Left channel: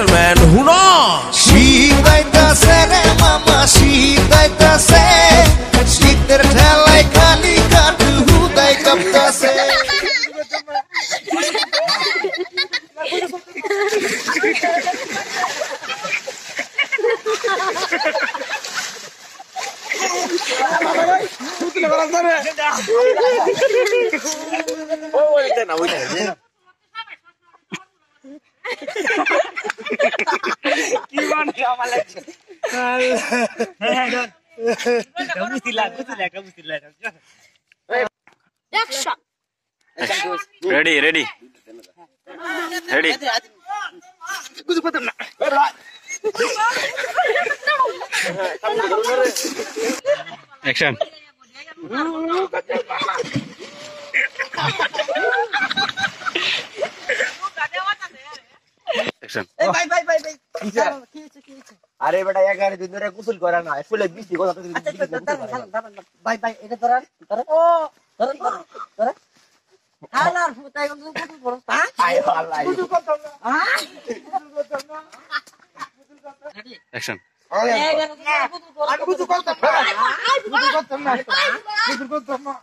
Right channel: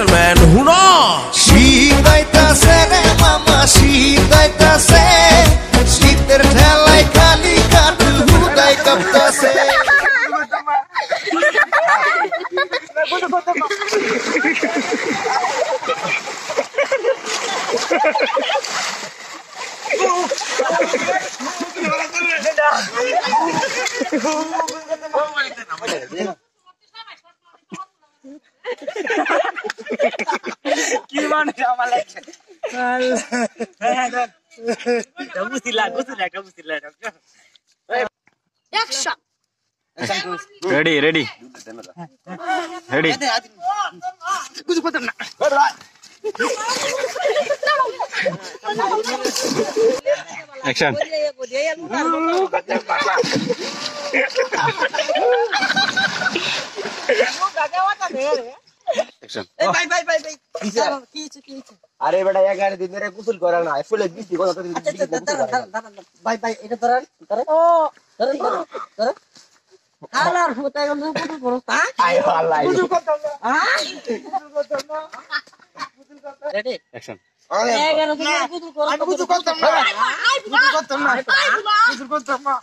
Gentleman হুনো শীতাইতাছে রে মামা শীতাইতাছে শীতের ঠেলায় খালি কাঠ হুদাই কাঁপতাছে কি মানে আমার লাগছে কাবুসিলা Action. Ready. कुछ पता ना Action. Action. भाई আরে বেটা 11 দিন ধরে গোসল করে না ফুলে বৃষ্টি কথা তো भाई এটা ধরেন হালার ফুটাই গেল কুটু করো আয় আল্লাহ রেডি Action. আমি কিছু করতাম না